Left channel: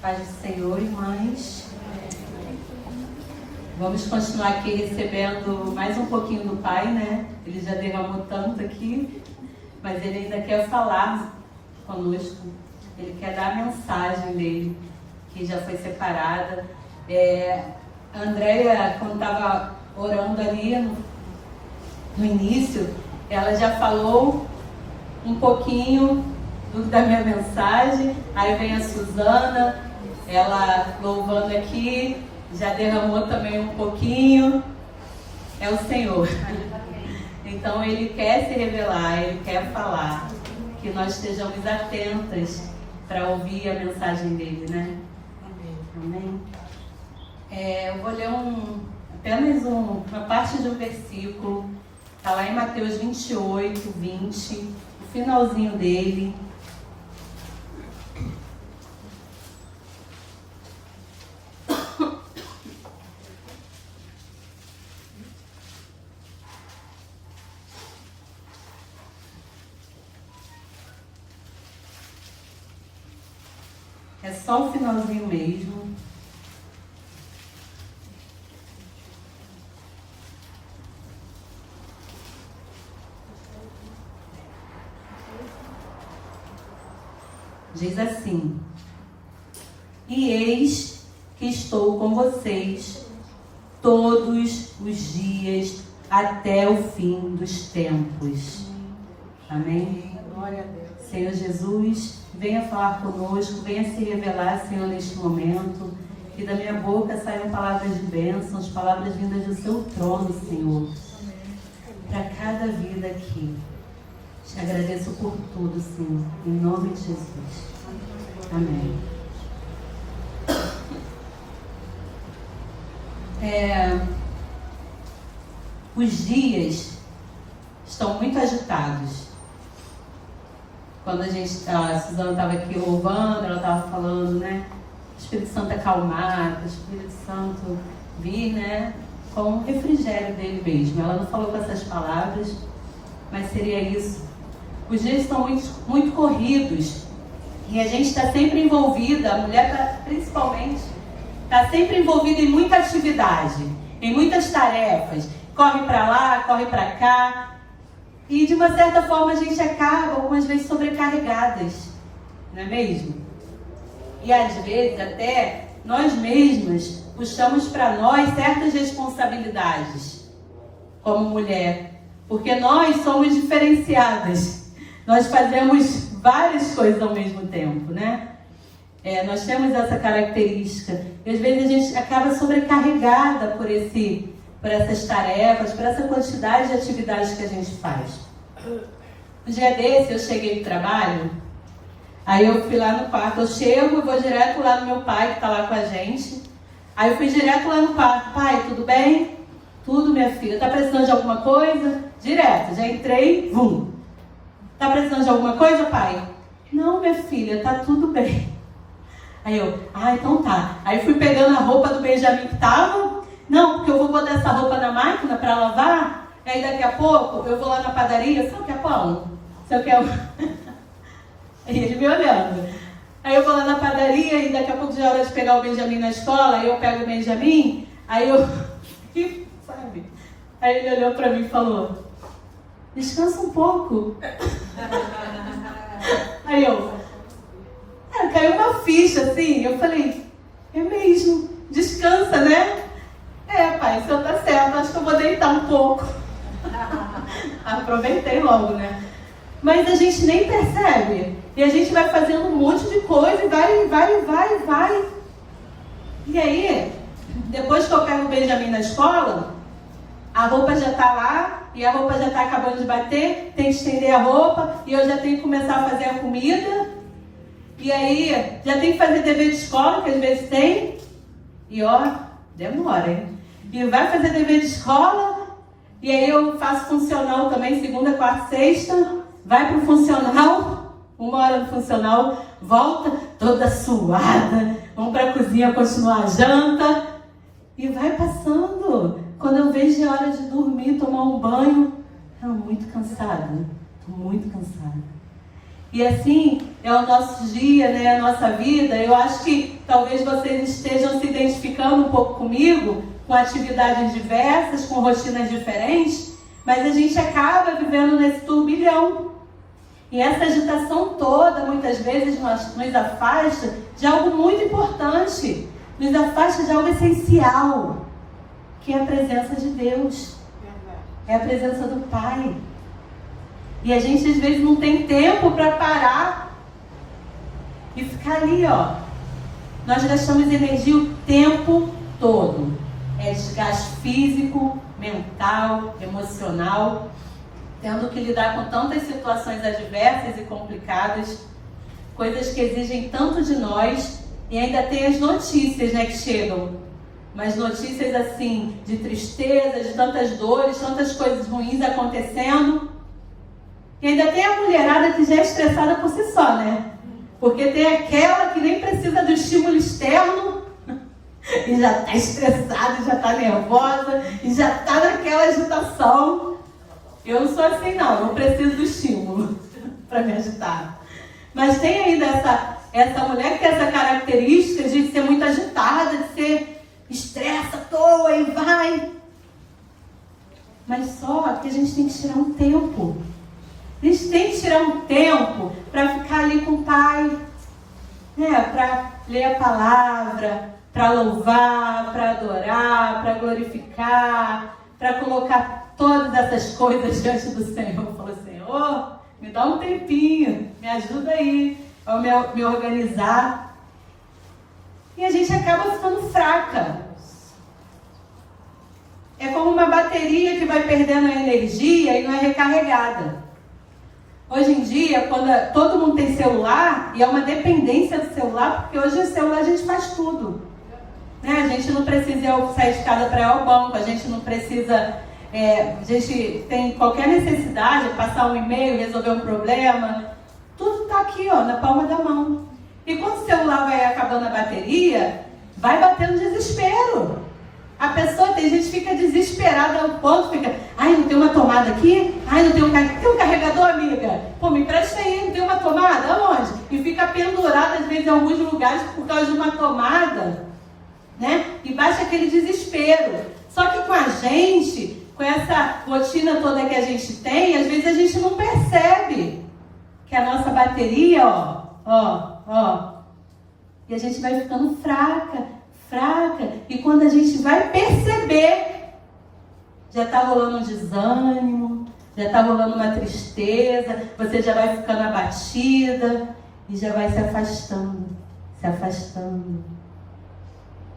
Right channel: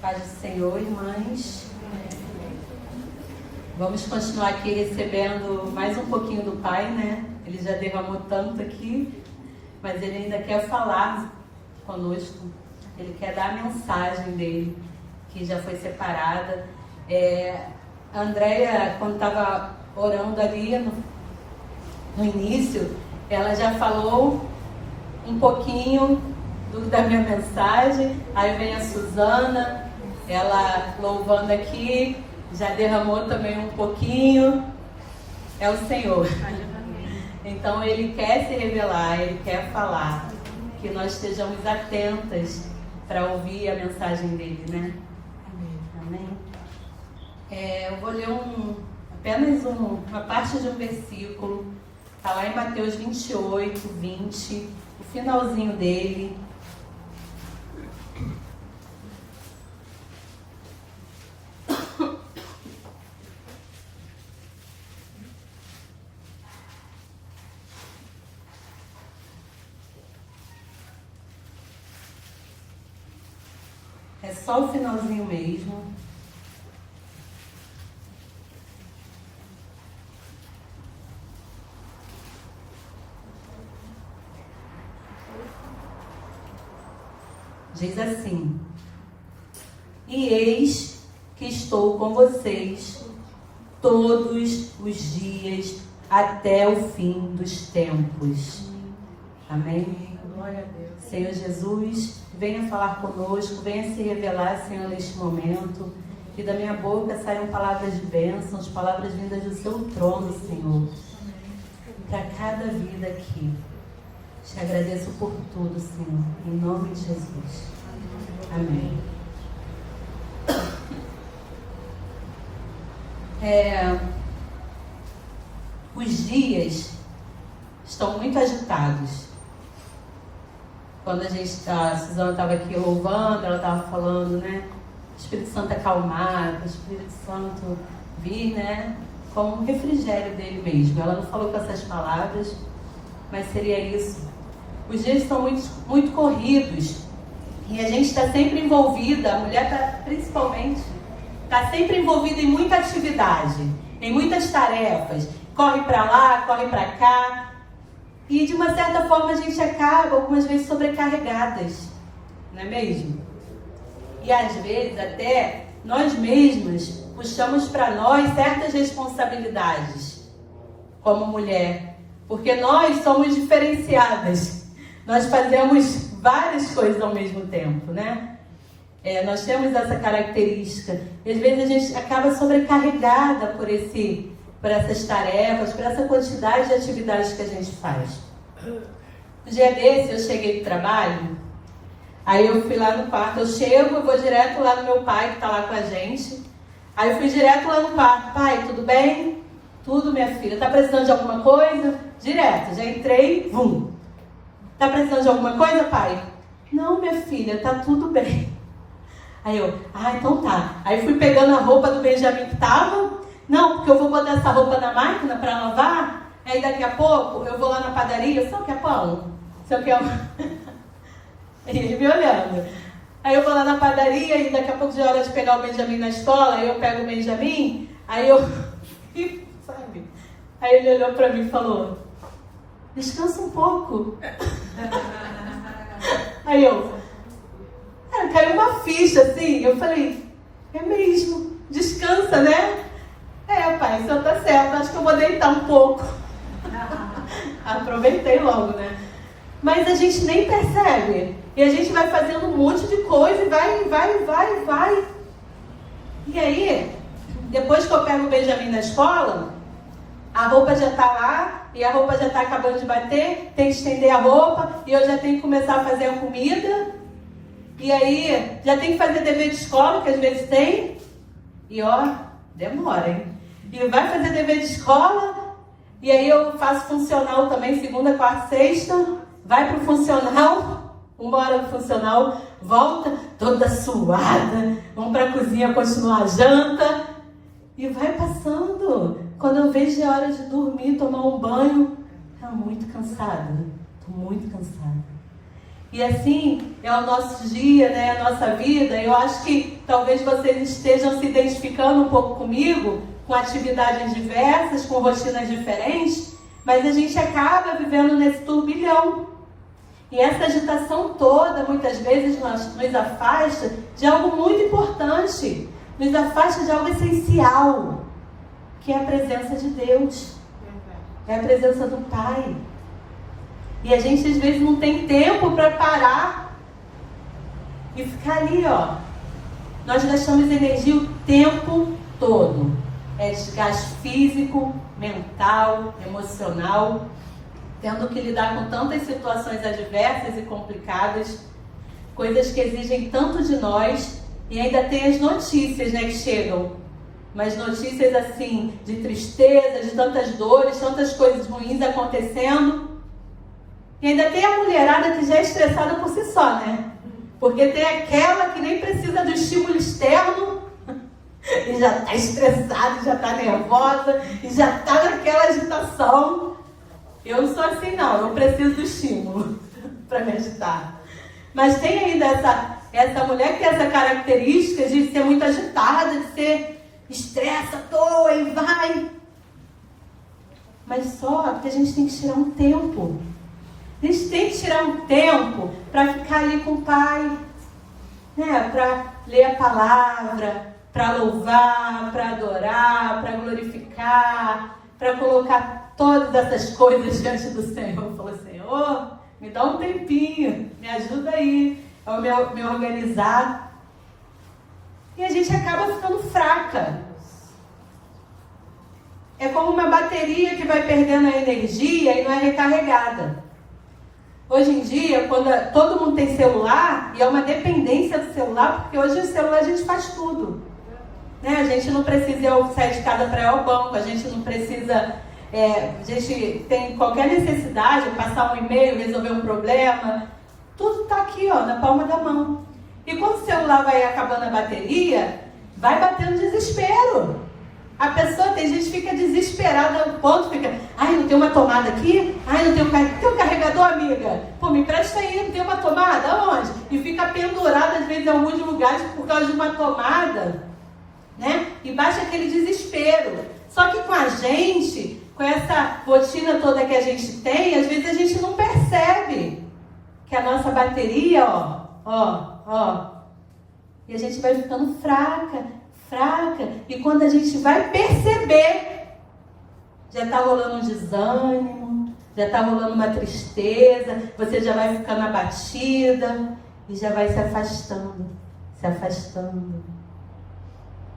Paz do Senhor, irmãs. Vamos continuar aqui recebendo mais um pouquinho do Pai, né? Ele já derramou tanto aqui, mas Ele ainda quer falar conosco. Ele quer dar a mensagem dele, que já foi separada. A Andréia, quando estava orando ali no início, ela já falou um pouquinho da minha mensagem. Aí vem a Suzana, ela louvando aqui, já derramou também um pouquinho. É o Senhor. Então Ele quer se revelar, Ele quer falar, que nós estejamos atentas para ouvir a mensagem dele, né? Amém. Eu vou ler apenas uma parte de um versículo. Está lá em Mateus 28, 20, o finalzinho dele. É só o finalzinho mesmo. Diz assim: e eis que estou com vocês todos os dias até o fim dos tempos. Amém? Glória a Deus. Senhor Jesus, venha falar conosco, venha se revelar, Senhor, neste momento. Que da minha boca saiam palavras de bênçãos, palavras vindas do seu trono, Senhor, para cada vida aqui. Te agradeço por tudo, Senhor, em nome de Jesus. Amém. Os dias estão muito agitados. Quando a Suzana estava aqui louvando, ela estava falando, né? O Espírito Santo acalmar, o Espírito Santo vir, né? Como um refrigério dele mesmo. Ela não falou com essas palavras, mas seria isso. Os dias estão muito, muito corridos e a gente está sempre envolvida, a mulher principalmente, está sempre envolvida em muita atividade, em muitas tarefas. Corre para lá, corre para cá. E de uma certa forma a gente acaba algumas vezes sobrecarregadas, não é mesmo? E às vezes até nós mesmas puxamos para nós certas responsabilidades como mulher, porque nós somos diferenciadas, nós fazemos várias coisas ao mesmo tempo, né? Nós temos essa característica e às vezes a gente acaba sobrecarregada por essas tarefas, por essa quantidade de atividades que a gente faz. Um dia desse eu cheguei do trabalho, aí eu fui lá no quarto, eu vou direto lá no meu pai que está lá com a gente. Aí eu fui direto lá no quarto: pai, tudo bem? Tudo, minha filha. Tá precisando de alguma coisa? Direto, já entrei, Tá precisando de alguma coisa, pai? Não, minha filha, tá tudo bem. Aí eu, então tá. Aí fui pegando a roupa do Benjamin que tava. Não, porque eu vou botar essa roupa na máquina para lavar. Aí daqui a pouco eu vou lá na padaria. Você quer pão? Você quer... E ele me olhando. Aí eu vou lá na padaria e daqui a pouco já é hora de pegar o Benjamin na escola. Aí eu pego o Benjamin. Aí eu... Sabe? Aí ele olhou para mim e falou: descansa um pouco. Aí caiu uma ficha assim. Eu falei: é mesmo, descansa, né? Pai, o senhor tá certo, acho que eu vou deitar um pouco. Aproveitei logo, né? Mas a gente nem percebe. E a gente vai fazendo um monte de coisa e vai. E aí, depois que eu pego o Benjamin na escola, a roupa já tá lá e a roupa já tá acabando de bater, tem que estender a roupa e eu já tenho que começar a fazer a comida. E aí, já tem que fazer dever de escola, que às vezes tem. E demora, hein? E vai fazer dever de escola, e aí eu faço funcional também, segunda, quarta, sexta, vai pro funcional, 1 hora do funcional, volta toda suada, vamos pra cozinha continuar a janta, e vai passando. Quando eu vejo a hora de dormir, tomar um banho, tô muito cansada. E assim é o nosso dia, né? A nossa vida. Eu acho que talvez vocês estejam se identificando um pouco comigo, com atividades diversas, com rotinas diferentes, mas a gente acaba vivendo nesse turbilhão. E essa agitação toda, muitas vezes, nos afasta de algo muito importante, nos afasta de algo essencial, que é a presença de Deus, é a presença do Pai. E a gente às vezes não tem tempo para parar e ficar ali, ó. Nós gastamos energia o tempo todo. É desgaste físico, mental, emocional, tendo que lidar com tantas situações adversas e complicadas, coisas que exigem tanto de nós, e ainda tem as notícias, né, que chegam. Mas notícias assim, de tristeza, de tantas dores, tantas coisas ruins acontecendo. E ainda tem a mulherada que já é estressada por si só, né? Porque tem aquela que nem precisa do estímulo externo e já está estressada, já está nervosa e já está naquela agitação. Eu não sou assim não, eu preciso do estímulo para me agitar. Mas tem ainda essa mulher que tem essa característica de ser muito agitada, de ser estressa à toa e vai. Mas só que a gente tem que tirar um tempo. A gente tem que tirar um tempo para ficar ali com o Pai, né? Para ler a palavra, para louvar, para adorar, para glorificar, para colocar todas essas coisas diante do Senhor. Falar, Senhor, me dá um tempinho, me ajuda aí a me organizar. E a gente acaba ficando fraca. É como uma bateria que vai perdendo a energia e não é recarregada. Hoje em dia, quando todo mundo tem celular, e é uma dependência do celular, porque hoje o celular a gente faz tudo. Né? A gente não precisa sair de casa para ir ao banco, a gente não precisa... a gente tem qualquer necessidade, passar um e-mail, resolver um problema, tudo está aqui, ó, na palma da mão. E quando o celular vai acabando a bateria, vai batendo desespero. A pessoa, tem gente que fica desesperada ao ponto, fica, ai, não tem uma tomada aqui? Ai, não tem um carregador, amiga? Pô, me empresta aí, não tem uma tomada? Aonde? E fica pendurada, às vezes, em alguns lugares por causa de uma tomada, né? E baixa aquele desespero. Só que com a gente, com essa rotina toda que a gente tem, às vezes a gente não percebe que a nossa bateria, e a gente vai ficando fraca, e quando a gente vai perceber, já está rolando um desânimo, já está rolando uma tristeza, você já vai ficando abatida e já vai se afastando.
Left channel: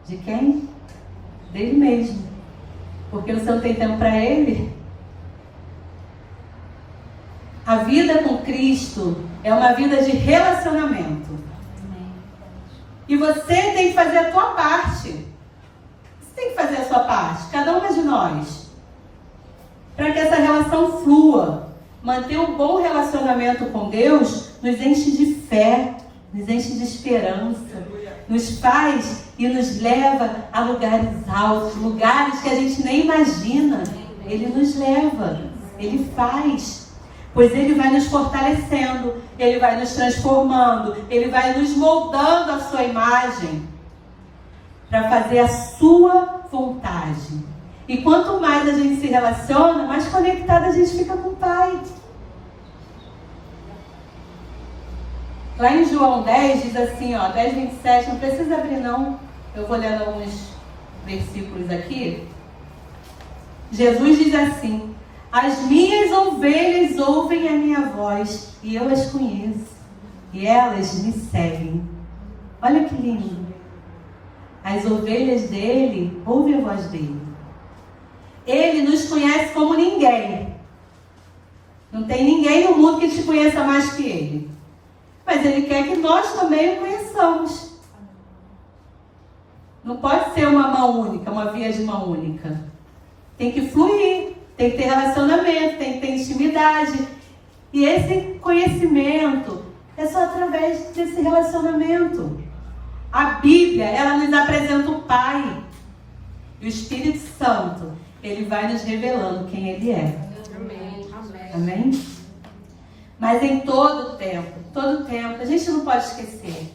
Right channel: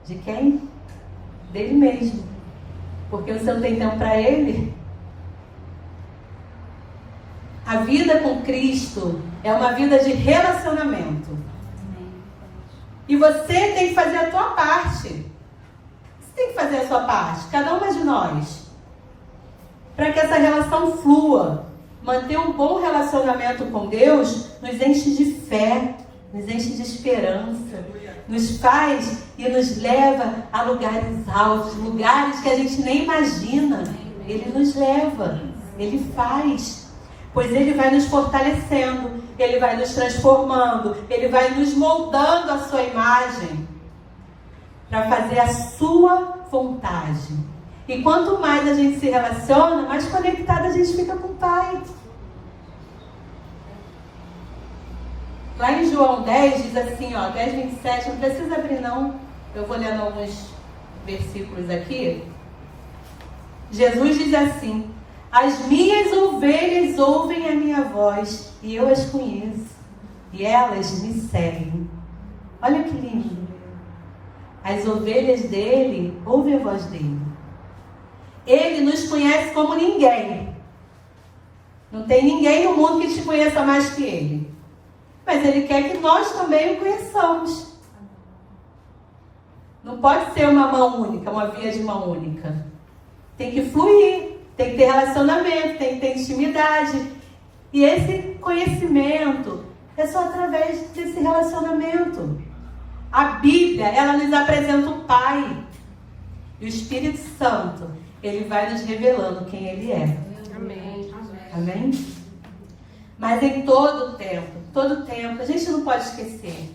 De quem? Dele mesmo. Porque você não tem tempo para ele. A vida com Cristo é uma vida de relacionamento. E você tem que fazer a tua parte. Você tem que fazer a sua parte, cada uma de nós. Para que essa relação flua. Manter um bom relacionamento com Deus nos enche de fé, nos enche de esperança. Nos faz e nos leva a lugares altos, lugares que a gente nem imagina. Ele nos leva, Ele faz. Pois Ele vai nos fortalecendo, Ele vai nos transformando, Ele vai nos moldando a sua imagem para fazer a sua vontade. E quanto mais a gente se relaciona, mais conectada a gente fica com o Pai. Lá em João 10 diz assim, 10:27, não precisa abrir não, eu vou lendo alguns versículos aqui. Jesus diz assim: as minhas ovelhas ouvem a minha voz e eu as conheço e elas me seguem. Olha que lindo. As ovelhas dele ouvem a voz dele. Ele nos conhece como ninguém. Não tem ninguém no mundo que te conheça mais que ele. Mas ele quer que nós também o conheçamos. Não pode ser uma mão única, uma via de mão única. Tem que fluir. Tem que ter relacionamento, tem que ter intimidade. E esse conhecimento é só através desse relacionamento. A Bíblia, ela nos apresenta o Pai. E o Espírito Santo, ele vai nos revelando quem ele é. Amém. Amém? Mas em todo tempo, a gente não pode esquecer.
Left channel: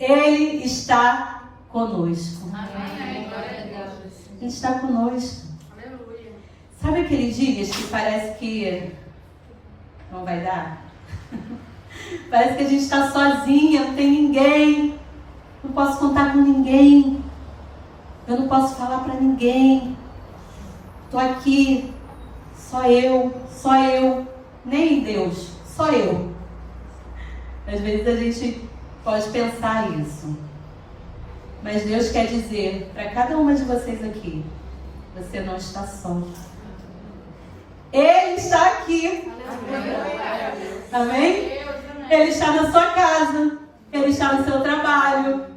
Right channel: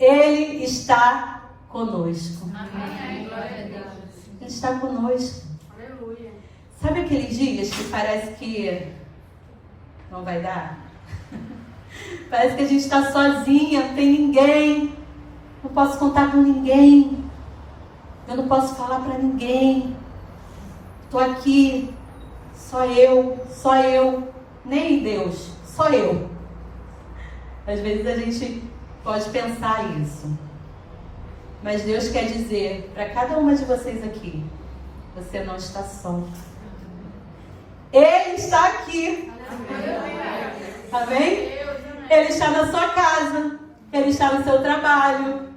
Ele está conosco. Amém. Glória a Deus. Ele está conosco. Aleluia. Sabe aqueles dias que parece que não vai dar? Parece que a gente está sozinha, não tem ninguém. Não posso contar com ninguém. Eu não posso falar para ninguém. Estou aqui. Só eu. Nem Deus, só eu. Às vezes a gente pode pensar isso. Mas Deus quer dizer para cada uma de vocês aqui: você não está só. Ele está aqui. Amém? Ele está na sua casa. Ele está no seu trabalho.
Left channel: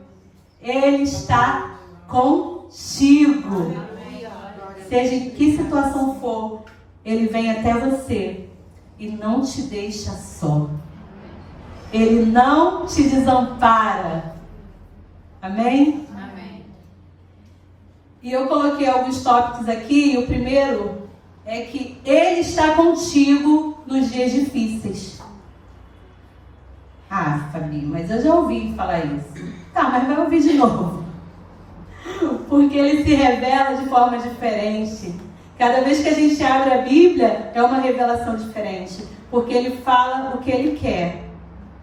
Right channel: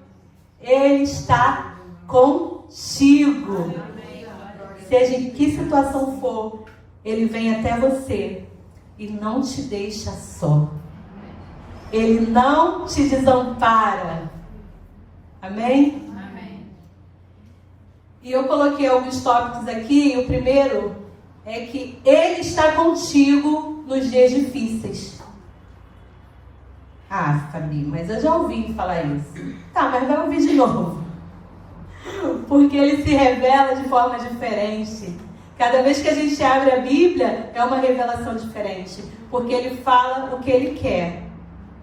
Ele está contigo. Seja em que situação for, Ele vem até você e não te deixa só. Ele não te desampara. Amém? Amém. E eu coloquei alguns tópicos aqui. O primeiro é que Ele está contigo nos dias difíceis. Ah, Fabi, mas eu já ouvi falar isso. Tá, mas vai ouvir de novo. Porque Ele se revela de forma diferente. Cada vez que a gente abre a Bíblia, é uma revelação diferente. Porque Ele fala o que Ele quer,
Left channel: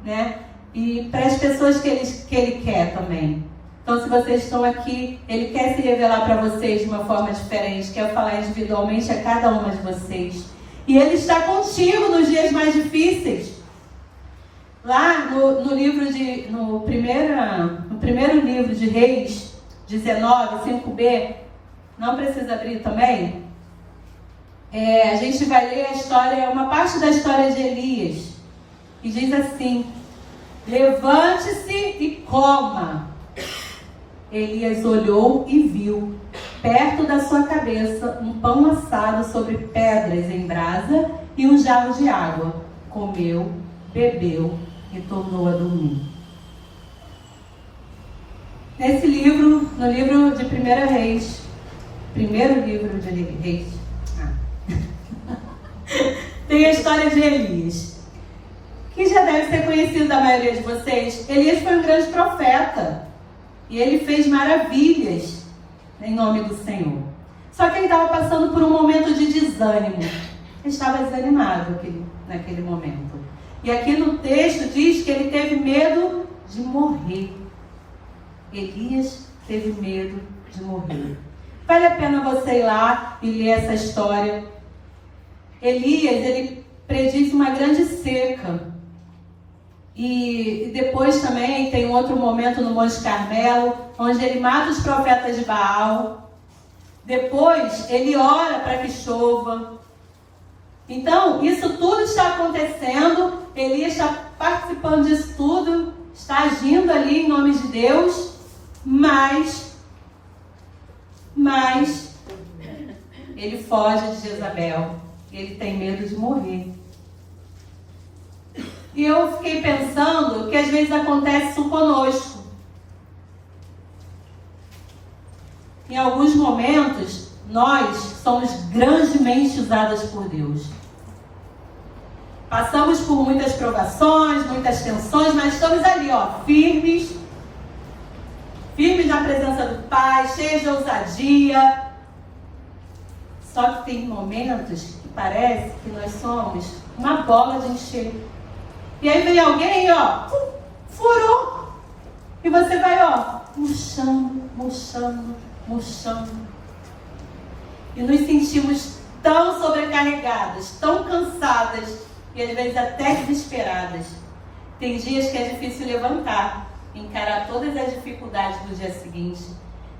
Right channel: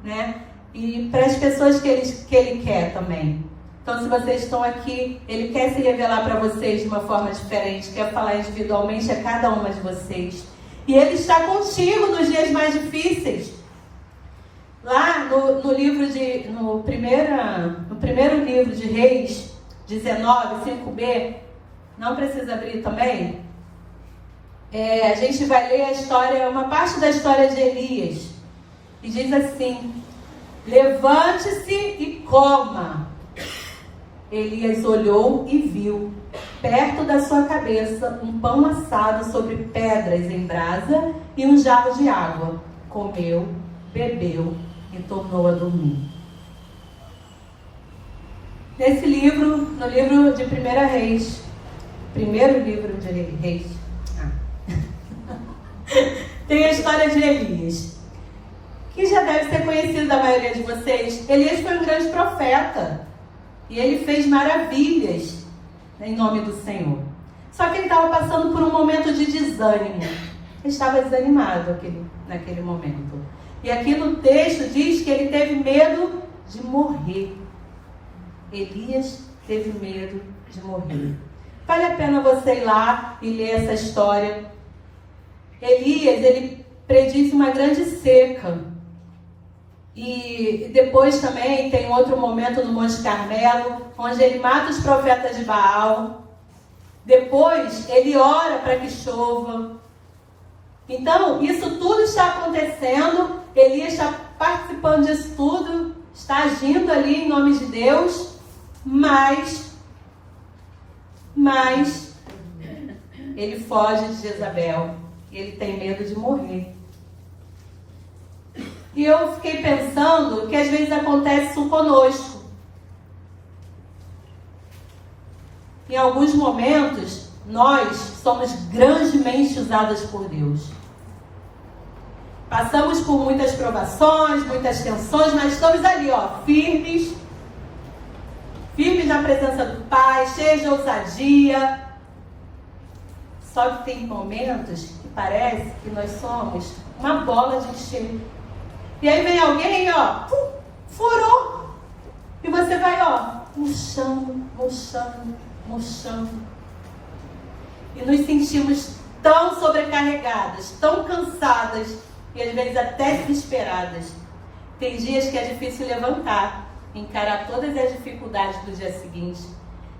né? E para as pessoas que Ele quer também. Então, se vocês estão aqui, Ele quer se revelar para vocês de uma forma diferente. Quer falar individualmente a cada uma de vocês. E Ele está contigo nos dias mais difíceis. Lá no primeiro livro de Reis 19, 5b, não precisa abrir também. A gente vai ler a história, uma parte da história de Elias. E diz assim: levante-se e coma. Elias olhou e viu, perto da sua cabeça, um pão assado sobre pedras em brasa e um jarro de água. Comeu, bebeu e tornou a dormir. Nesse livro, no livro de 1 Reis, primeiro livro de Reis, tem a história de Elias, que já deve ser conhecido da maioria de vocês. Elias foi um grande profeta e ele fez maravilhas em nome do Senhor. Só que ele estava passando por um momento de desânimo. Ele estava desanimado naquele momento. E aqui no texto diz que ele teve medo de morrer. Elias teve medo de morrer. Vale a pena você ir lá e ler essa história. Elias, ele prediz uma grande seca. E depois também tem outro momento no Monte Carmelo, onde ele mata os profetas de Baal. Depois ele ora para que chova. Então, isso tudo está acontecendo. Elias está participando disso tudo, está agindo ali em nome de Deus, mas ele foge de Jezabel e ele tem medo de morrer. E eu fiquei pensando que às vezes acontece isso conosco. Em alguns momentos, nós somos grandemente usadas por Deus. Passamos por muitas provações, muitas tensões, mas estamos ali, firmes na presença do Pai, cheios de ousadia. Só que tem momentos que parece que nós somos uma bola de encher. E aí vem alguém, furou. E você vai, murchando. E nos sentimos tão sobrecarregadas, tão cansadas e às vezes até desesperadas. Tem dias que é difícil levantar, encarar todas as dificuldades do dia seguinte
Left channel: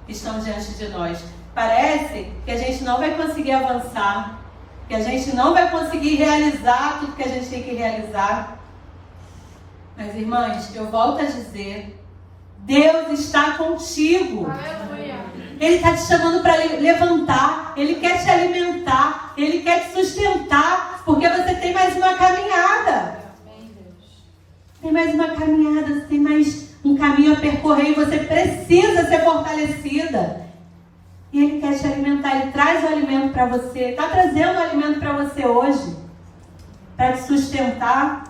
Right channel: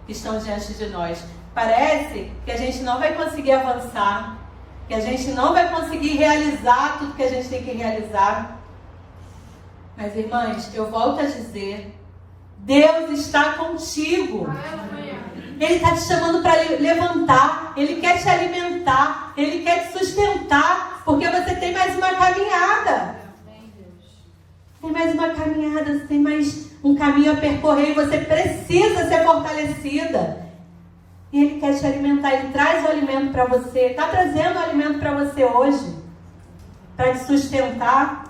que estão diante de nós. Parece que a gente não vai conseguir avançar, que a gente não vai conseguir realizar tudo que a gente tem que realizar. Mas, irmãs, eu volto a dizer, Deus está contigo. Aleluia. Ele está te chamando para levantar, Ele quer te alimentar, Ele quer te sustentar, porque você tem mais uma caminhada. Tem mais uma caminhada, você tem mais um caminho a percorrer e você precisa ser fortalecida. E Ele quer te alimentar, Ele traz o alimento para você, está trazendo o alimento para você hoje. para te sustentar,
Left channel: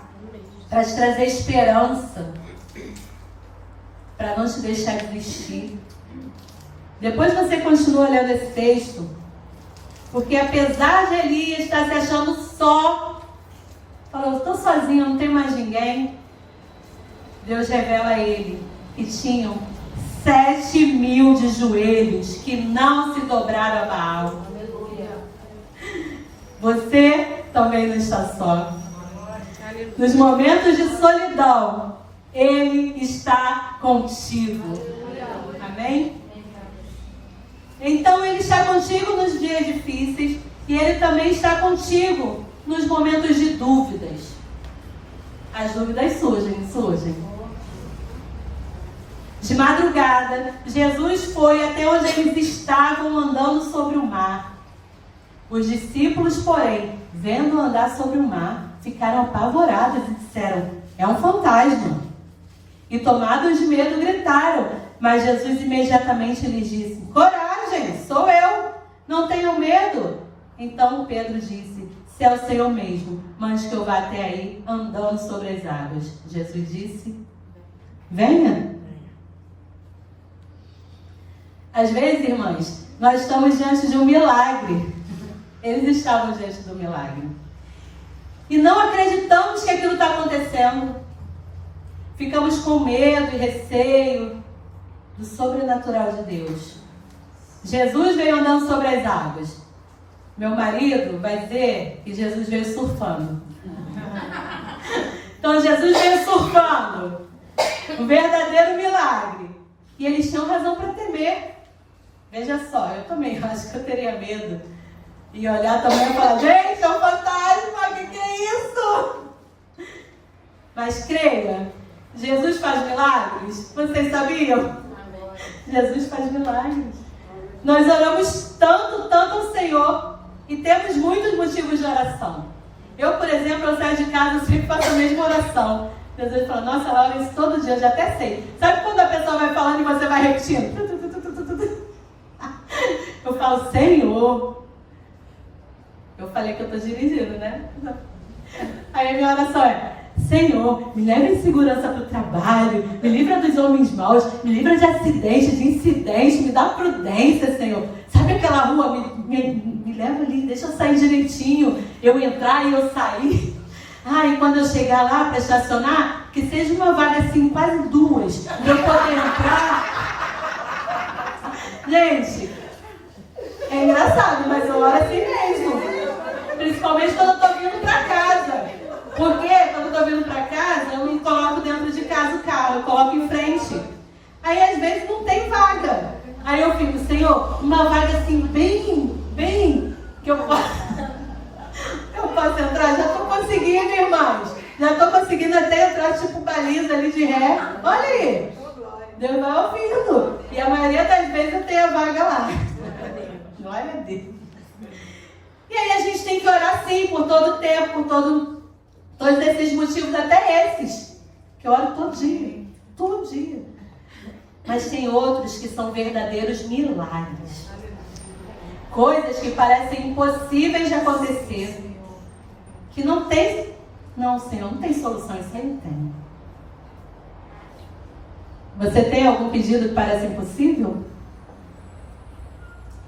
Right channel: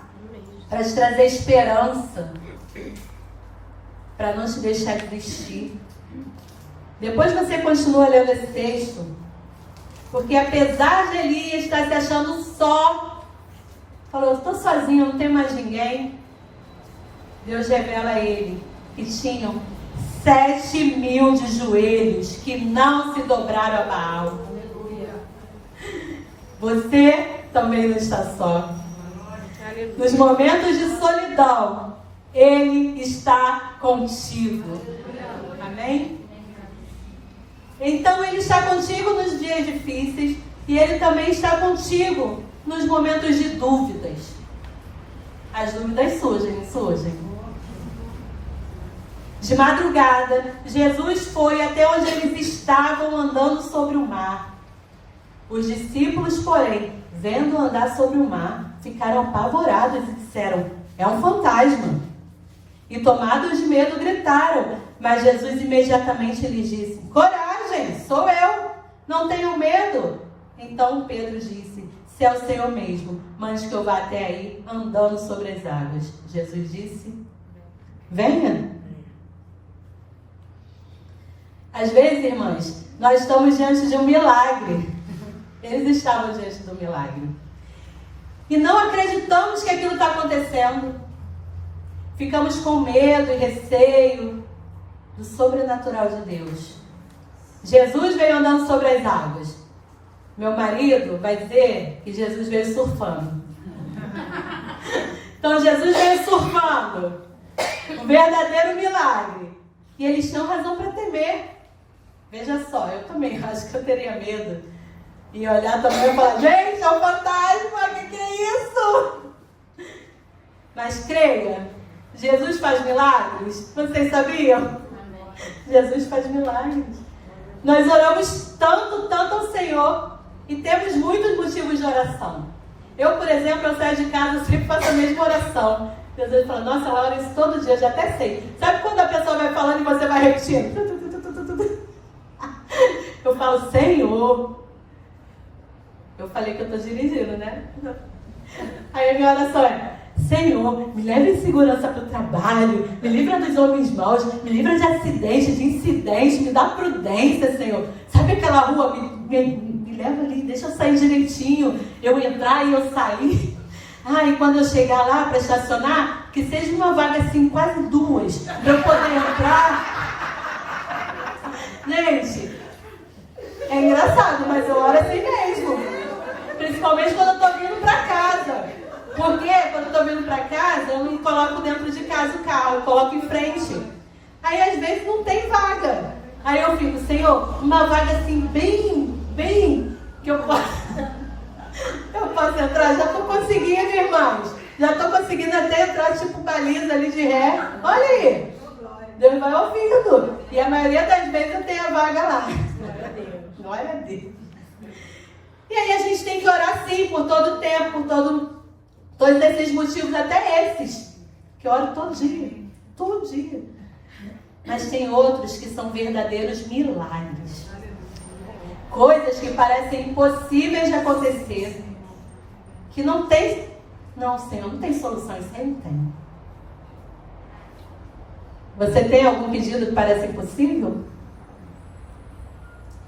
para te trazer esperança, para não te deixar desistir. Depois você continua lendo esse texto, porque apesar de Elias estar se achando só, falou, estou sozinho, não tem mais ninguém, Deus revela a ele que tinham 7.000 de joelhos que não se dobraram a Baal. Você também não está só. Nos momentos de solidão, Ele está contigo. Amém? Então Ele está contigo nos dias difíceis e Ele também está contigo nos momentos de dúvidas. As dúvidas surgem. De madrugada, Jesus foi até onde eles estavam andando sobre o mar. Os discípulos, porém, vendo andar sobre o mar, ficaram apavorados e disseram, é um fantasma. E tomados de medo, gritaram. Mas Jesus imediatamente lhes disse, coragem, sou eu, não tenham medo. Então Pedro disse, se é o Senhor mesmo, mande que eu vá até aí, andando sobre as águas. Jesus disse, venha. Às vezes, irmãs, nós estamos diante de um milagre. Eles estavam diante do milagre. E não acreditamos que aquilo está acontecendo. Ficamos com medo e receio do sobrenatural de Deus. Jesus veio andando sobre as águas. Meu marido vai dizer que Jesus veio surfando. Então Jesus veio surfando. Um verdadeiro milagre. E eles tinham razão para temer. Veja só, eu também acho que eu teria medo. E olhar também e falar, gente, é um fantasma, o que é isso? Mas creia, Jesus faz milagres. Vocês sabiam? Jesus faz milagres. Nós oramos tanto ao Senhor e temos muitos motivos de oração. Eu, por exemplo, eu saio de casa e sempre faço a mesma oração. Jesus fala, nossa, ela ora isso todo dia, eu já até sei. Sabe quando a pessoa vai falando e você vai repetindo? Eu falo, Senhor. Eu falei que eu estou dirigindo, né? Aí a minha oração é, Senhor, me leve em segurança para o trabalho, me livra dos homens maus, me livra de acidente, de incidente, me dá prudência, Senhor. Sabe aquela rua? Me leva ali, deixa eu sair direitinho, eu entrar e eu sair. E quando eu chegar lá para estacionar, que seja uma vaga assim, quase duas, para eu poder entrar. Gente, é engraçado, mas eu oro assim mesmo. Principalmente quando eu estou vindo para casa. Porque quando eu estou vindo para casa, eu me coloco dentro de casa o carro, eu coloco em frente. Aí às vezes não tem vaga. Aí eu fico, Senhor, uma vaga assim bem, que eu posso entrar. Já estou conseguindo, irmãos. Já estou conseguindo até entrar tipo baliza ali de ré. Olha aí. Deus vai ouvindo. E a maioria das vezes eu tenho a vaga lá. Glória a Deus. E aí a gente tem que orar sim, por todo o tempo, por todos esses motivos, até esses, que eu oro todo dia. Mas tem outros que são verdadeiros milagres. Coisas que parecem impossíveis de acontecer. Que não tem, não, Senhor, não tem solução, isso aí não tem. Você tem algum pedido que parece impossível?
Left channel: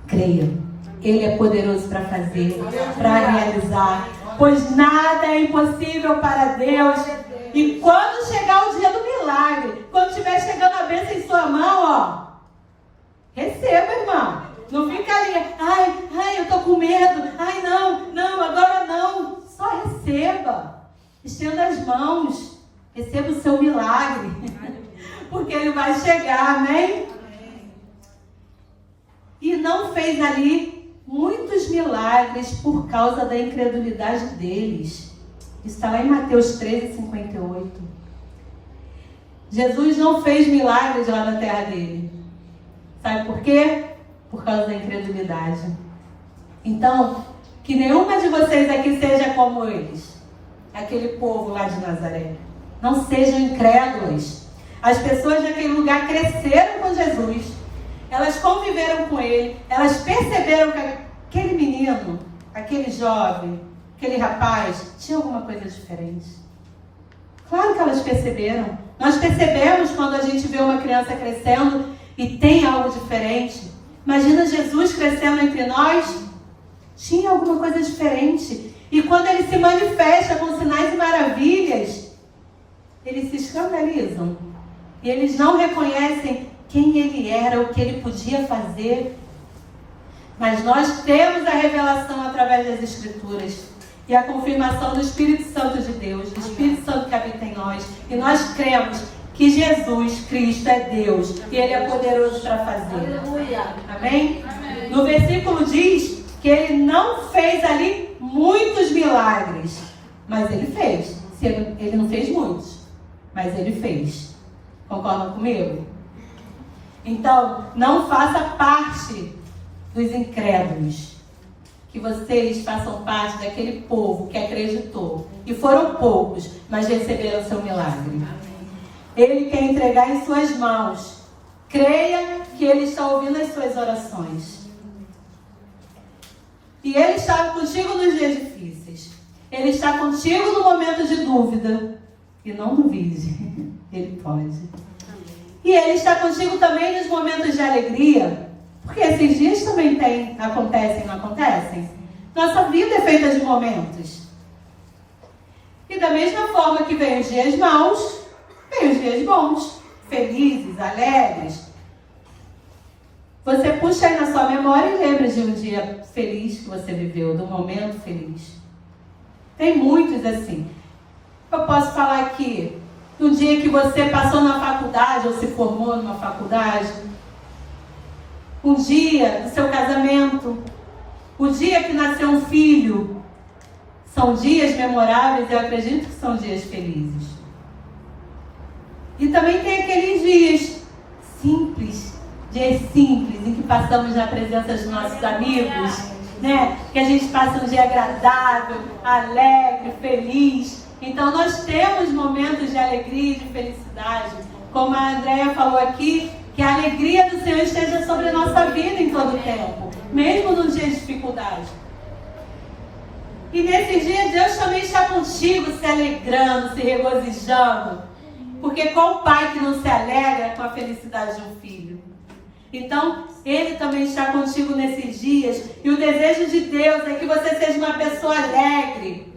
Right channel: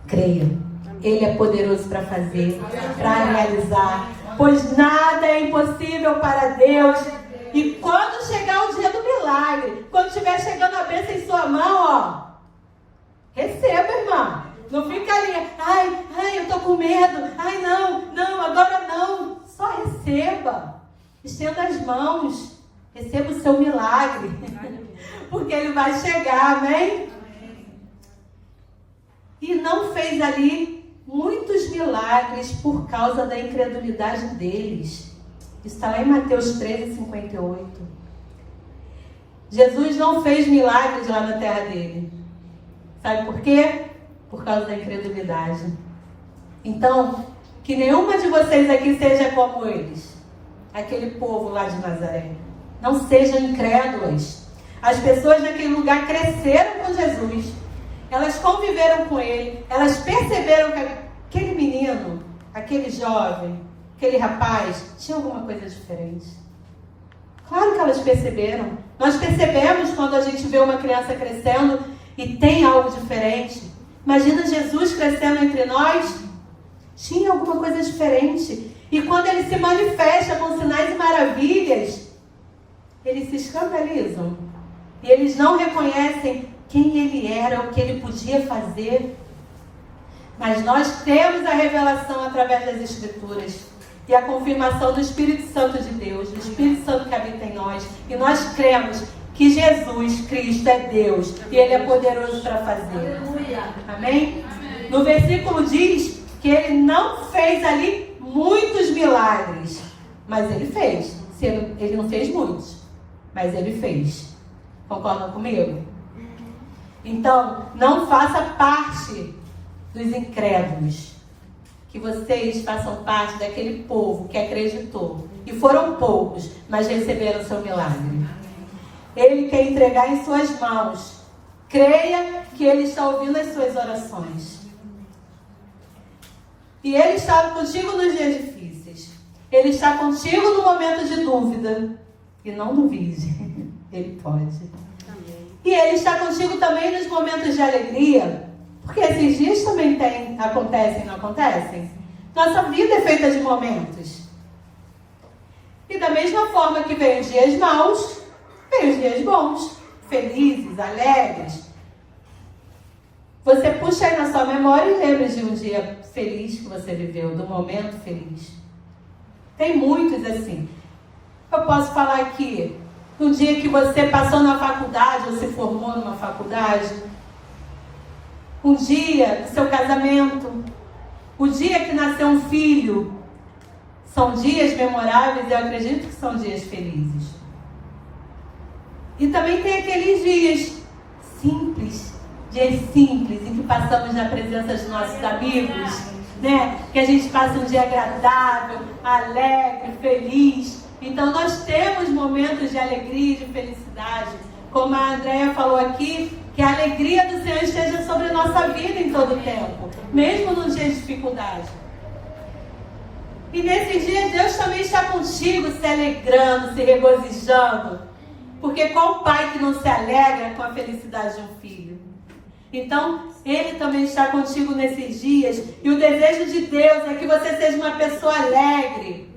Creia. Ele é poderoso para fazer, para realizar. Pois nada é impossível para Deus. E quando chegar o dia do milagre, quando estiver chegando a bênção em sua mão, receba, irmã. Não fica ali, ai, eu tô com medo. Ai, não, agora não. Só receba. Estenda as mãos. Receba o seu milagre. Porque ele vai chegar, amém? E não fez ali muitos milagres por causa da incredulidade deles. Está lá em Mateus 13:58. Jesus não fez milagres lá na terra dele. Sabe por quê? Por causa da incredulidade. Então, que nenhuma de vocês aqui seja como eles. Aquele povo lá de Nazaré. Não sejam incrédulos. As pessoas daquele lugar cresceram com Jesus. Elas conviveram com ele. Elas perceberam que aquele menino, aquele jovem, aquele rapaz, tinha alguma coisa diferente. Claro que elas perceberam. Nós percebemos quando a gente vê uma criança crescendo e tem algo diferente. Imagina Jesus crescendo entre nós. Tinha alguma coisa diferente. E quando ele se manifesta com sinais e maravilhas, eles se escandalizam. E eles não reconhecem quem ele era, o que ele podia fazer. Mas nós temos a revelação através das Escrituras. E a confirmação do Espírito Santo de Deus, do Espírito Santo que habita em nós. E nós cremos que Jesus Cristo é Deus. E Ele é poderoso para fazer. Amém? No versículo diz que Ele não fez ali muitos milagres. Mas Ele fez. Ele não fez muitos, mas Ele fez. Concordam comigo? Então, não faça parte dos incrédulos. Que vocês façam parte daquele povo que acreditou. E foram poucos, mas receberam o seu milagre. Ele quer entregar em suas mãos. Creia que Ele está ouvindo as suas orações. E Ele está contigo nos dias difíceis. Ele está contigo no momento de dúvida. E não duvide. Ele pode. E Ele está contigo também nos momentos de alegria. Porque esses dias também acontecem, não acontecem? Nossa vida é feita de momentos. E da mesma forma que vem os dias maus, vem os dias bons, felizes, alegres. Você puxa aí na sua memória e lembre de um dia feliz que você viveu, do momento feliz. Tem muitos assim. Eu posso falar aqui, um dia que você passou na faculdade ou se formou numa faculdade, um dia do seu casamento, o dia que nasceu um filho. São dias memoráveis e eu acredito que são dias felizes. E também tem aqueles dias simples, em que passamos na presença dos nossos amigos, né? Que a gente passa um dia agradável, alegre, feliz. Então nós temos momentos de alegria e de felicidade. Como a Andréia falou aqui, que a alegria do Senhor esteja sobre a nossa vida em todo o tempo, mesmo nos dias de dificuldade. E nesses dias Deus também está contigo, se alegrando, se regozijando. Porque qual pai que não se alegra com a felicidade de um filho? Então, Ele também está contigo nesses dias. E o desejo de Deus é que você seja uma pessoa alegre,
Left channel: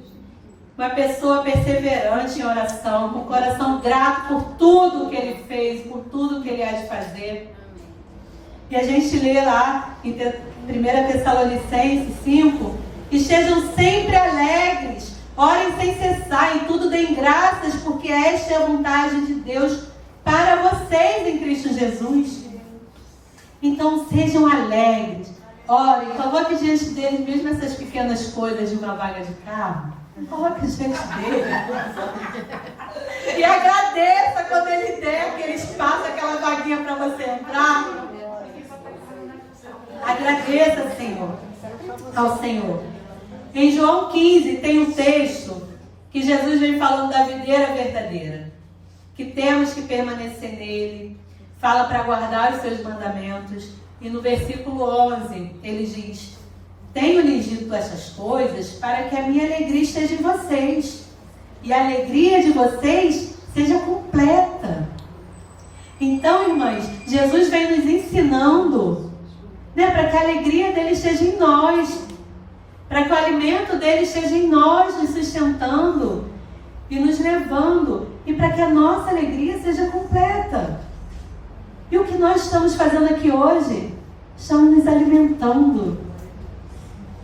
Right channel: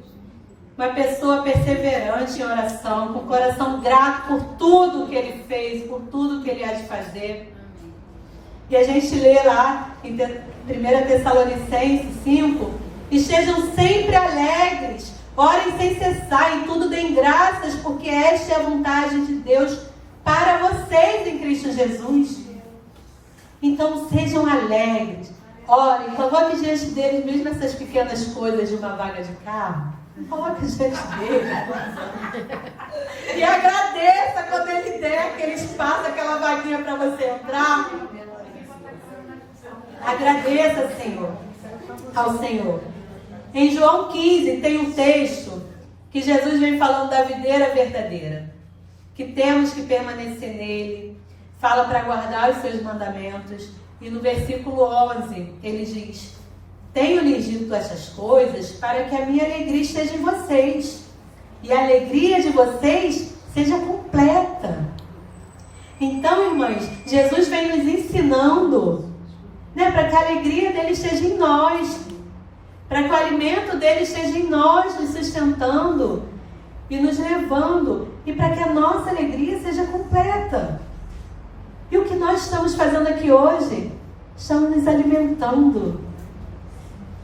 uma pessoa perseverante em oração, com o coração grato por tudo que Ele fez, por tudo que Ele há de fazer. E a gente lê lá em 1 Tessalonicenses 5, estejam sempre alegres, orem sem cessar, em tudo deem graças, porque esta é a vontade de Deus para vocês em Cristo Jesus. Então sejam alegres, orem, coloque diante deles mesmo essas pequenas coisas de uma vaga de carro. Coloque diante dele. E agradeça quando Ele der aquele espaço, aquela vaguinha para você entrar. Agradeça, Senhor, ao Senhor. Em João 15 tem um texto que Jesus vem falando da videira verdadeira, que temos que permanecer nele, fala para guardar os seus mandamentos. E no versículo 11 ele diz: tenho-lhes dito essas coisas para que a minha alegria esteja em vocês e a alegria de vocês seja completa. Então, irmãs, Jesus vem nos ensinando, né, para que a alegria dele esteja em nós, para que o alimento dele esteja em nós, nos sustentando e nos levando, e para que a nossa alegria seja completa. E o que nós estamos fazendo aqui hoje? Estamos nos alimentando.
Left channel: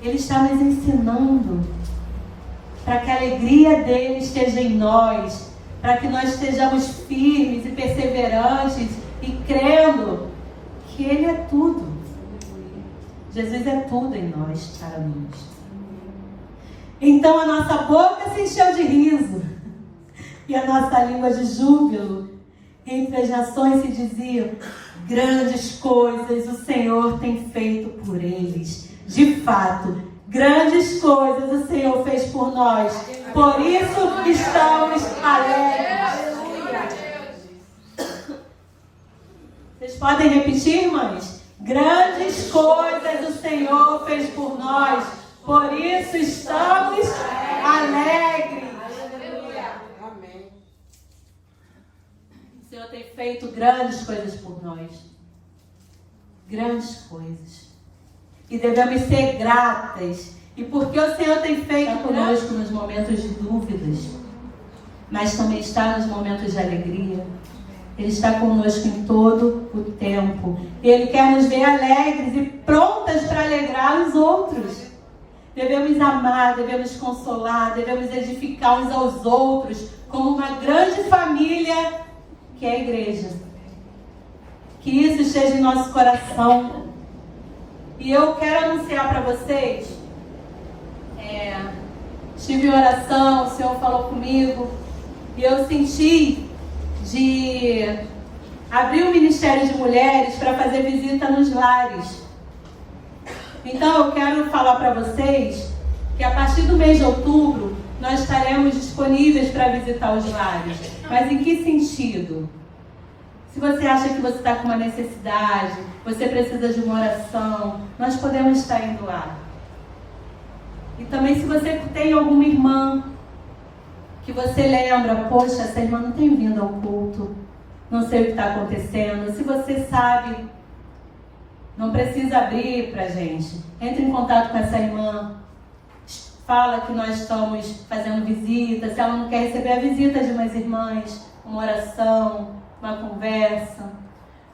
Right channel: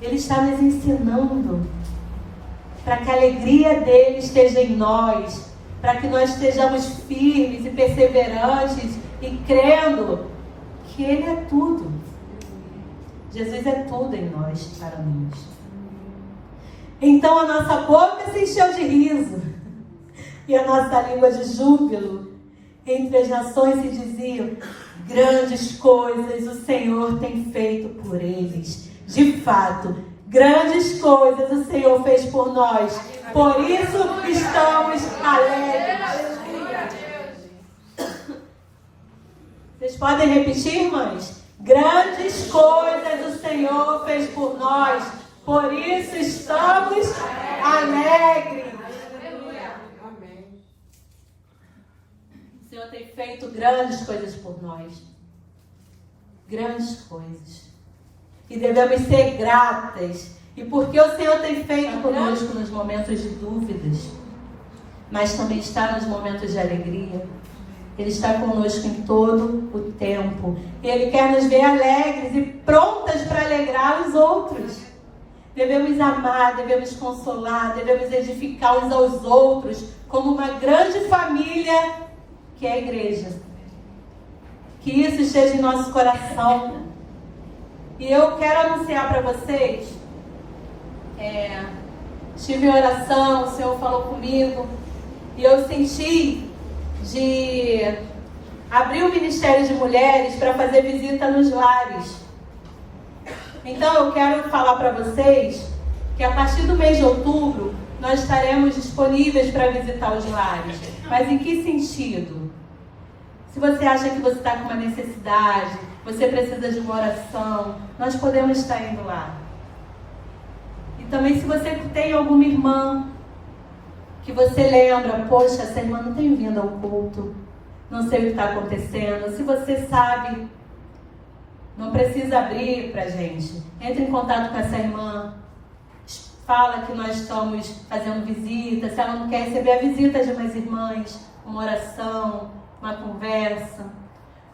Ele está nos ensinando para que a alegria dele esteja em nós, para que nós estejamos firmes e perseverantes e crendo que Ele é tudo. Jesus é tudo em nós, para nós. Então a nossa boca se encheu de riso e a nossa língua de júbilo. Entre as nações se diziam: grandes coisas o Senhor tem feito por eles. De fato, grandes coisas o Senhor fez por nós. Por isso estamos alegres. Vocês podem repetir, irmãs? Grandes coisas o Senhor fez por nós. Por isso estamos alegres. O Senhor tem feito grandes coisas por nós. Grandes coisas. E devemos ser gratas. E porque o Senhor tem feito conosco nos momentos de dúvidas, mas também está nos momentos de alegria. Ele está conosco em todo o tempo. E Ele quer nos ver alegres e prontas para alegrar os outros. Devemos amar, devemos consolar, devemos edificar uns aos outros como uma grande família que é a igreja. Que isso esteja em nosso coração. E eu quero anunciar para vocês, estive em oração, o Senhor falou comigo, e eu senti de abrir um ministério de mulheres para fazer visita nos lares. Então eu quero falar para vocês que a partir do mês de outubro nós estaremos disponíveis para visitar os lares. Mas em que sentido? Se você acha que você está com uma necessidade, você precisa de uma oração, nós podemos estar indo lá. E também se você tem alguma irmã que você lembra, poxa, essa irmã não tem vindo ao culto, não sei o que está acontecendo. Se você sabe, não precisa abrir para a gente. Entre em contato com essa irmã, fala que nós estamos fazendo visita. Se ela não quer receber a visita de umas irmãs, uma oração, uma conversa.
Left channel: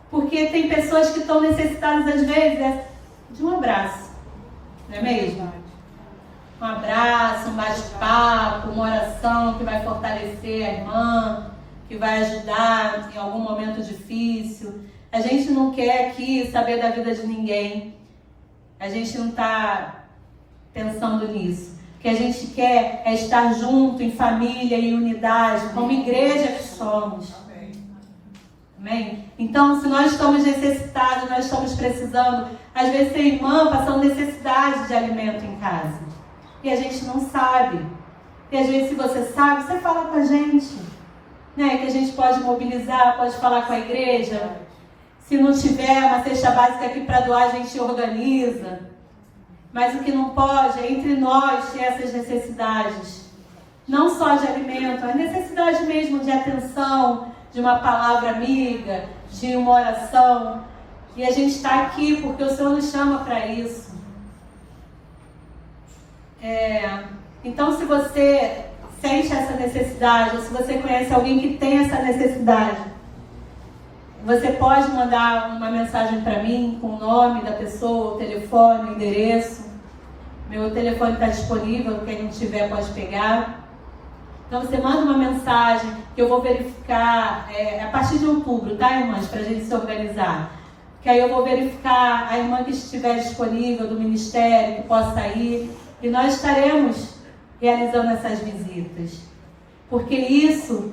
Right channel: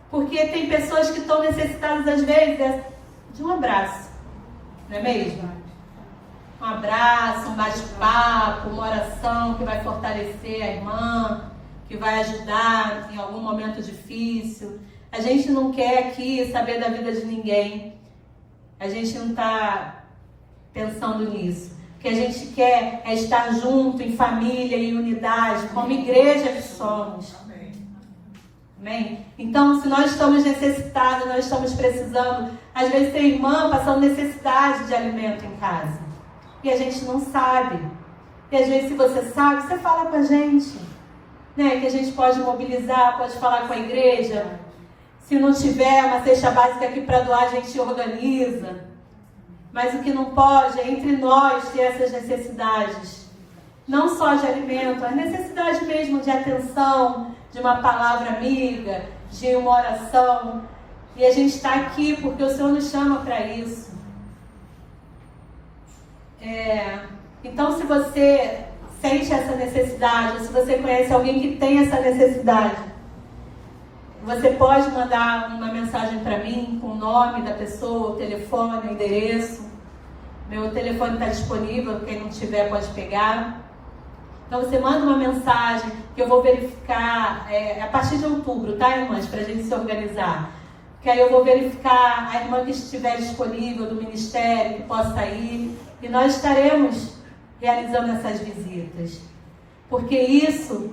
Porque tem pessoas que estão necessitadas, às vezes, de um abraço, não é mesmo? Um abraço, um bate-papo, uma oração que vai fortalecer a irmã, que vai ajudar em algum momento difícil. A gente não quer aqui saber da vida de ninguém. A gente não está pensando nisso. O que a gente quer é estar junto, em família, em unidade, como igreja que somos. Amém? Então, se nós estamos necessitados, nós estamos precisando, às vezes tem irmã passando necessidade de alimento em casa. E a gente não sabe. E às vezes, se você sabe, você fala com a gente. Né? Que a gente pode mobilizar, pode falar com a igreja. Se não tiver uma cesta básica aqui para doar, a gente organiza. Mas o que não pode é entre nós ter essas necessidades. Não só de alimento, a necessidade mesmo de atenção, de uma palavra amiga, de uma oração. E a gente está aqui porque o Senhor nos chama para isso. Então, se você sente essa necessidade, ou se você conhece alguém que tem essa necessidade, você pode mandar uma mensagem para mim com o nome da pessoa, o telefone, o endereço. Meu telefone está disponível, quem não tiver pode pegar. Então você manda uma mensagem que eu vou verificar a partir de outubro, tá, irmãs? Para a gente se organizar. Que aí eu vou verificar a irmã que estiver disponível do ministério, que possa ir. E nós estaremos realizando essas visitas. Porque isso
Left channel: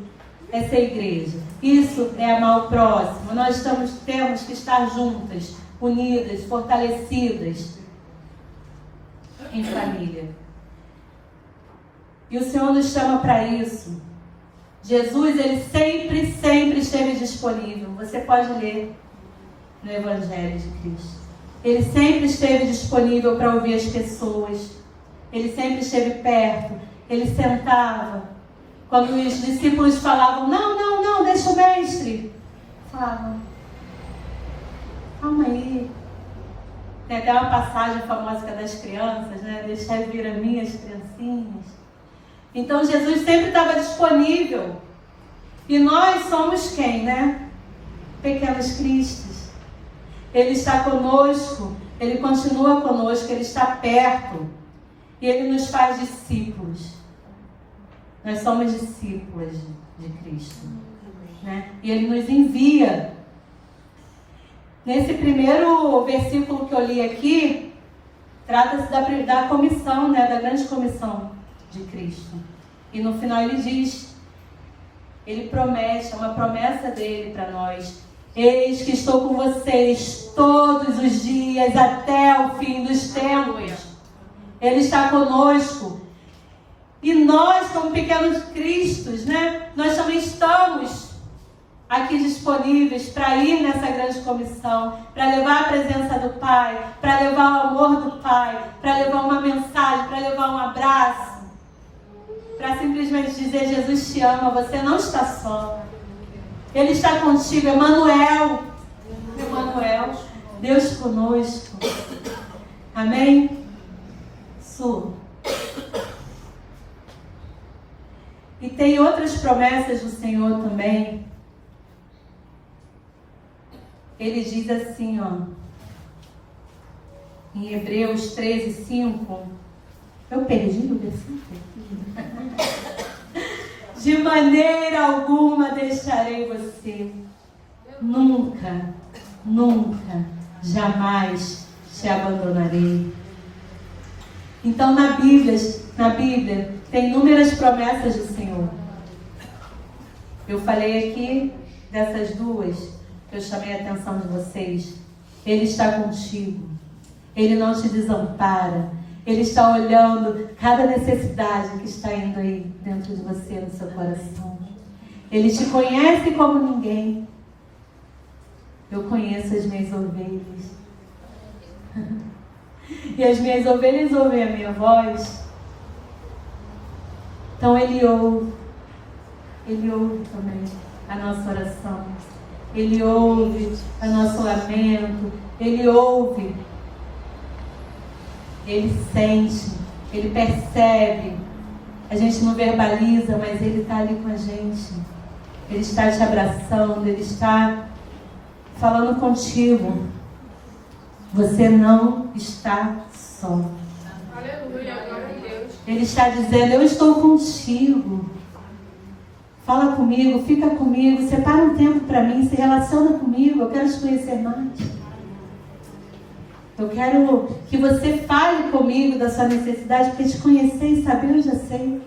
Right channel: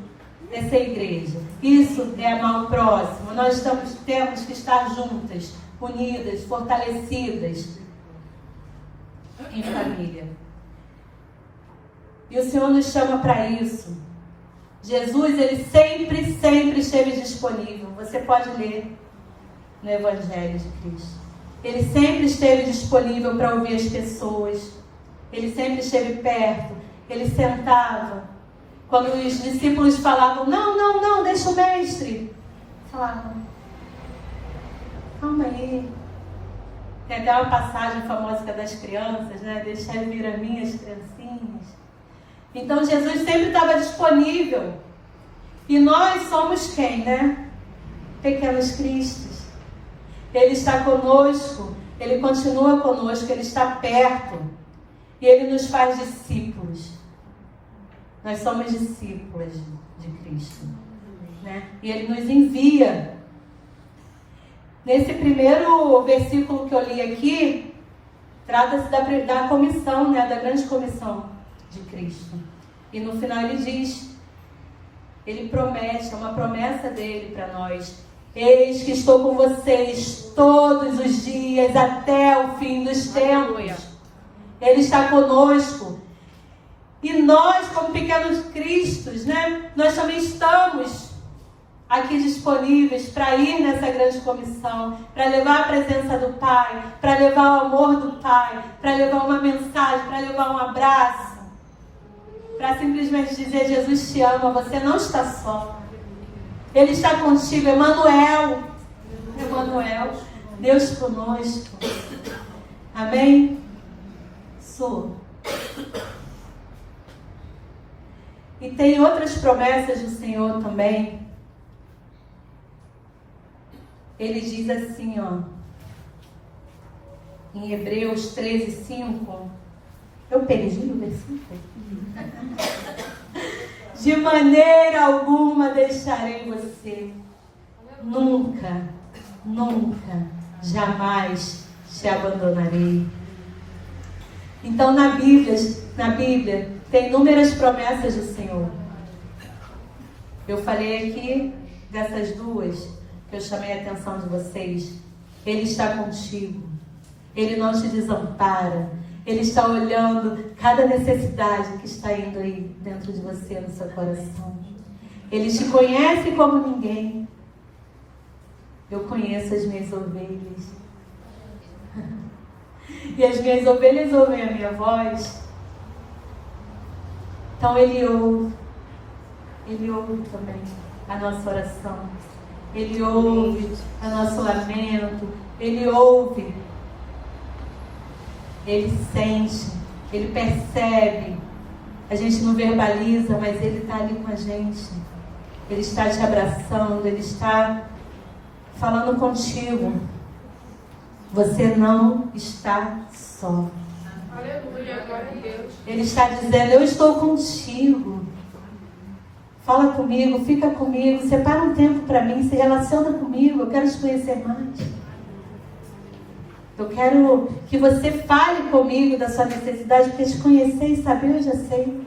é ser igreja. Isso é amar o próximo. Nós temos que estar juntas, unidas, fortalecidas em família. E o Senhor nos chama para isso. Jesus, Ele sempre, sempre esteve disponível. Você pode ler no Evangelho de Cristo. Ele sempre esteve disponível para ouvir as pessoas. Ele sempre esteve perto. Ele sentava. Quando os discípulos falavam, não, deixa o mestre. Falava, calma aí. Tem até uma passagem famosa das crianças, né? Deixa eu vir a minhas criancinhas. Então Jesus sempre estava disponível. E nós somos quem, né? Pequenos Cristos. Ele está conosco, Ele continua conosco, Ele está perto. E Ele nos faz discípulos. Nós somos discípulas de Cristo. Né? E Ele nos envia. Nesse primeiro versículo que eu li aqui, trata-se da comissão, né? Da grande comissão de Cristo. E no final Ele diz, Ele promete, é uma promessa dEle para nós. Eis que estou com vocês todos os dias até o fim dos tempos. Ele está conosco. E nós, como pequenos cristos, né? Nós também estamos aqui disponíveis para ir nessa grande comissão, para levar a presença do Pai, para levar o amor do Pai, para levar uma mensagem, para levar um abraço, para simplesmente dizer: Jesus te ama, você não está só. Ele está contigo, Emanuel, Deus conosco. Amém? Su. E tem outras promessas do Senhor também. Ele diz assim, em Hebreus 13:5. Eu perdi o versículo. De maneira alguma deixarei você. Nunca, jamais te abandonarei. Então na Bíblia tem inúmeras promessas do Senhor. Eu falei aqui dessas duas que eu chamei a atenção de vocês. Ele está contigo. Ele não te desampara. Ele está olhando cada necessidade que está indo aí dentro de você, no seu coração. Ele te conhece como ninguém. Eu conheço as minhas ovelhas. E as minhas ovelhas ouvem a minha voz. Então Ele ouve também a nossa oração. Ele ouve o nosso lamento. Ele ouve. Ele sente. Ele percebe. A gente não verbaliza, mas Ele está ali com a gente. Ele está te abraçando. Ele está falando contigo. Você não está só. Aleluia, glória a Deus. Ele está dizendo: eu estou contigo. Fala comigo, fica comigo, separa um tempo para mim, se relaciona comigo, eu quero te conhecer mais. Eu quero que você fale comigo da sua necessidade, porque te conhecer e saber eu já sei.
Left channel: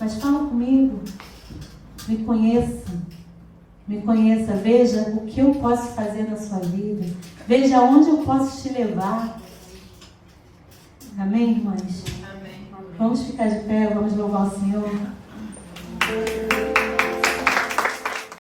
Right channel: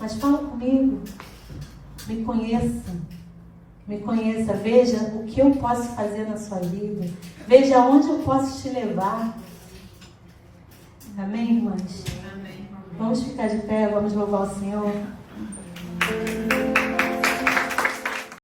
Mas fala comigo, me conheça, veja o que eu posso fazer na sua vida, veja onde eu posso te levar. Amém, irmãs? Amém. Vamos ficar de pé, vamos louvar o Senhor.